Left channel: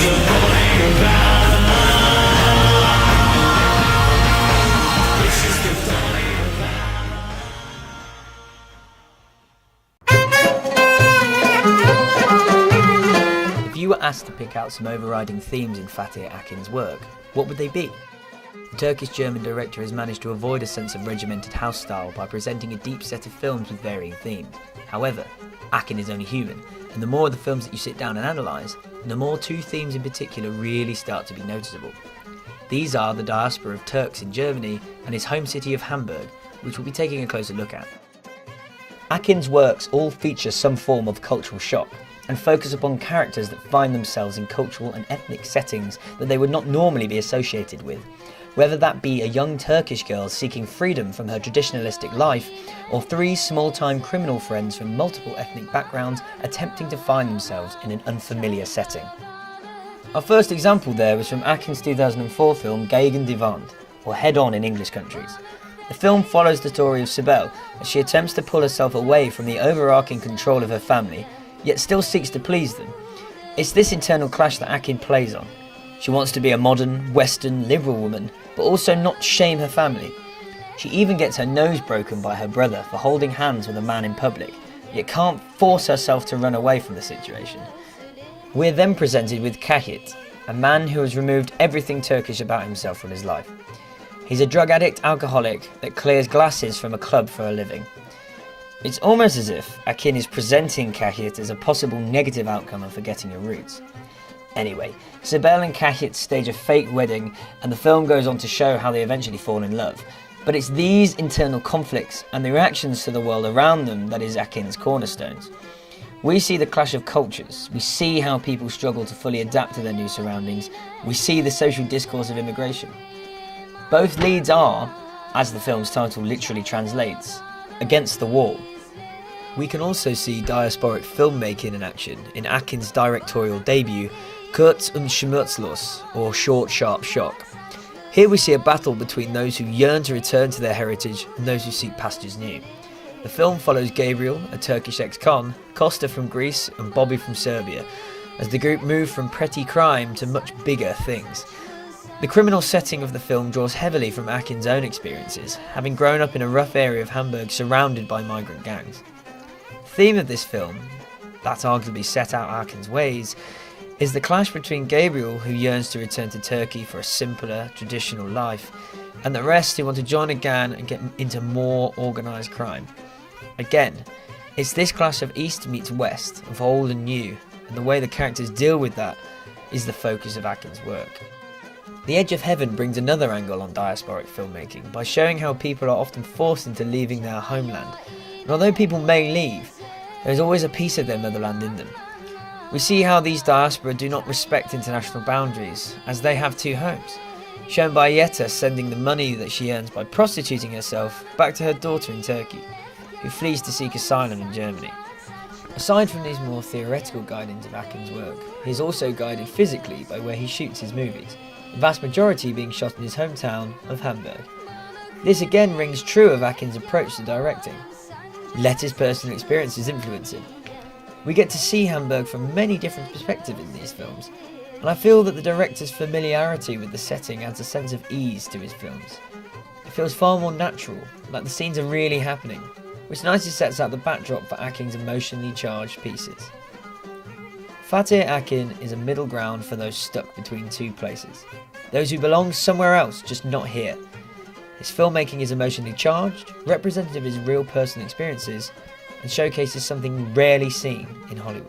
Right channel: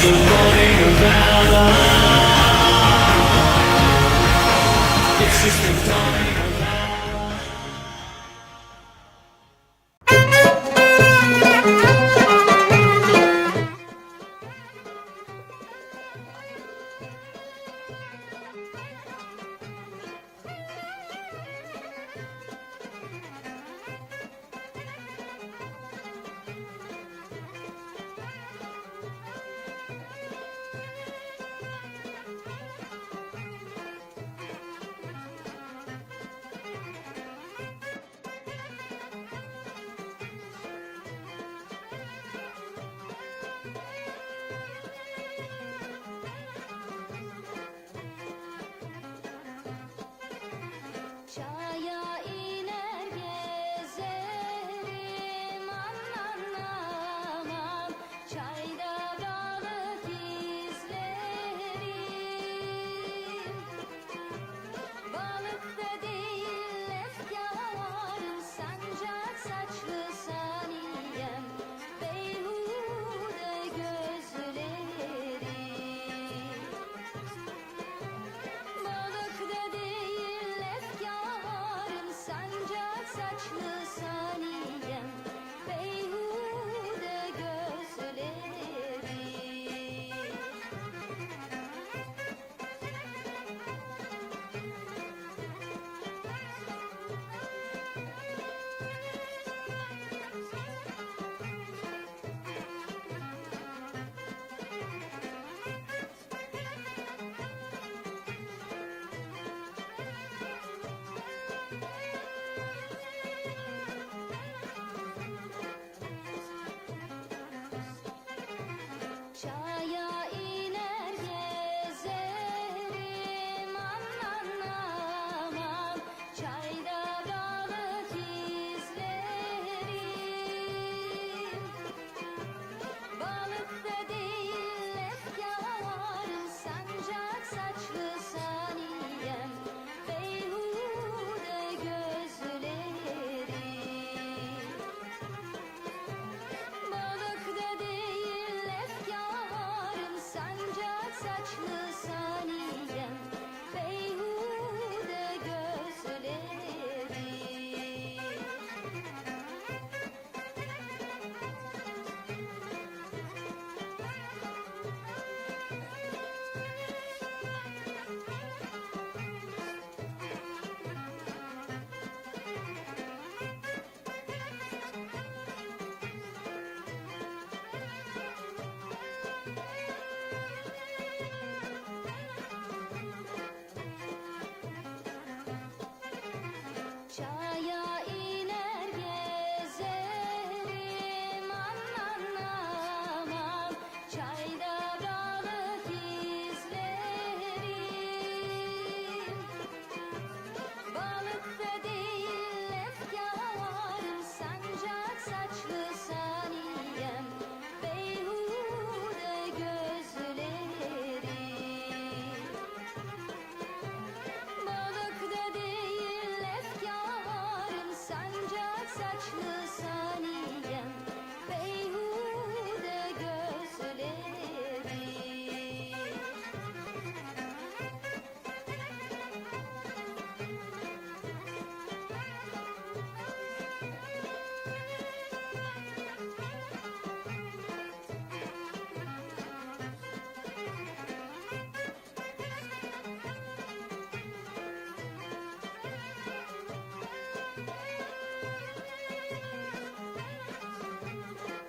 the morning of valor. It's just the dawning of valor. If you were asked to pick out some overriding themes in Fatih Akin's work, what would they be? The Turkish-German director has managed to avoid a sense of regimented house style by presenting a deep set of films with varying themes. However, Akin is only human, and the more of the films that you sit down and analyse, the more two themes in particular really start to be noticeable. These are the diaspora of Turks in Germany and his home city of Hamburg, which we'll be taking a closer look at. Akin's works all feature some form of cultural shock, and focus upon characters that find themselves in cultural and ethnic settings that they would not normally be associated with. Whether that be a young Turkish girl seeking freedom from her traditionalistic life, or three small-time criminal friends from multiple ethnic backgrounds attempting to find themselves in an unfamiliar setting. Our first example there was from Akin's 2004 film Gegen die Wand, or Head On in English countries. The film follows the story of Sibel as she attempts to pull herself away from the overarching control of her family, yet still seeks to please them. It's this internal clash that Akin plays on. She wants to be a modern, Western, liberal woman, but also not shame her family. She even gets her nose broken by her brother for holding hands with a man in public, yet can't force herself to run away from the situation. We're then presented with Kahit, a man who has removed everything Turkish about himself from his life. He's a drug addict alcoholic that clears glasses from a club for a living. It's almost as if Akin is presenting Kahit as a possible negative outcome of forgetting your roots. Anyway, Sibel and Kahit stage a fake wedding, and the film goes on to show how they eventually fall in love. But it's these internal conflicts and the reactions to the world around them that is Akin's cornerstones. We see the clash of cultures, we see how people struggle to fully adapt to their new surroundings, we see the social discourse of immigration. Both leads are, as the film's title literally translates, against the wall. We can also see diasporic filmmaking in action in Akin's directorial debut, Kurz und Schmerzlos, or Short Sharp Shock. Here we see a battle between those who yearn to return to their heritage and those who seek pastures new. The film follows Gabriel, a Turkish ex-con, Costa from Greece and Bobby from Serbia, as the group move from petty crime to much bigger things. The criminal setting of the film draws heavily from Akin's own experiences, having grown up in a rough area of Hamburg surrounded by migrant gangs. The theme of this film, that arguably set out Akin's ways, is the clash between Gabriel, who yearns to return to Turkey for a simpler, traditional life, and the rest who want to join a gang and get into more organised crime. Again, it's this clash of East meets West, of old and new, and the way the characters deal with that is the focus of Akin's work. The Edge of Heaven brings another angle on diasporic filmmaking by showing how people are often forced into leaving their homeland. And although people may leave, there is always a piece of their motherland in them. We see how these diaspora do not respect international boundaries, as they have two homes, shown by Yetta sending the money that she earns by prostituting herself back to her daughter in Turkey, who flees to seek asylum in Germany. Aside from these more theoretical guidings of Akin's work, he is also guided physically by where he shoots his movies, the vast majority being shot in his hometown of Hamburg. This again rings true of Akin's approach to directing. Let his personal experiences influence him. We get to see Hamburg from many different perspectives in these films, and I feel that the director's familiarity with the setting adds a sense of ease to his films. It feels far more natural, like the scenes are really happening, which nicely sets out the backdrop for Akin's emotionally charged pieces. Fatih Akin is a middle ground for those stuck between two places, those who belong somewhere else, just not here. His filmmaking is emotionally charged, representative of his real personal experiences, and showcases something rarely seen in Hollywood.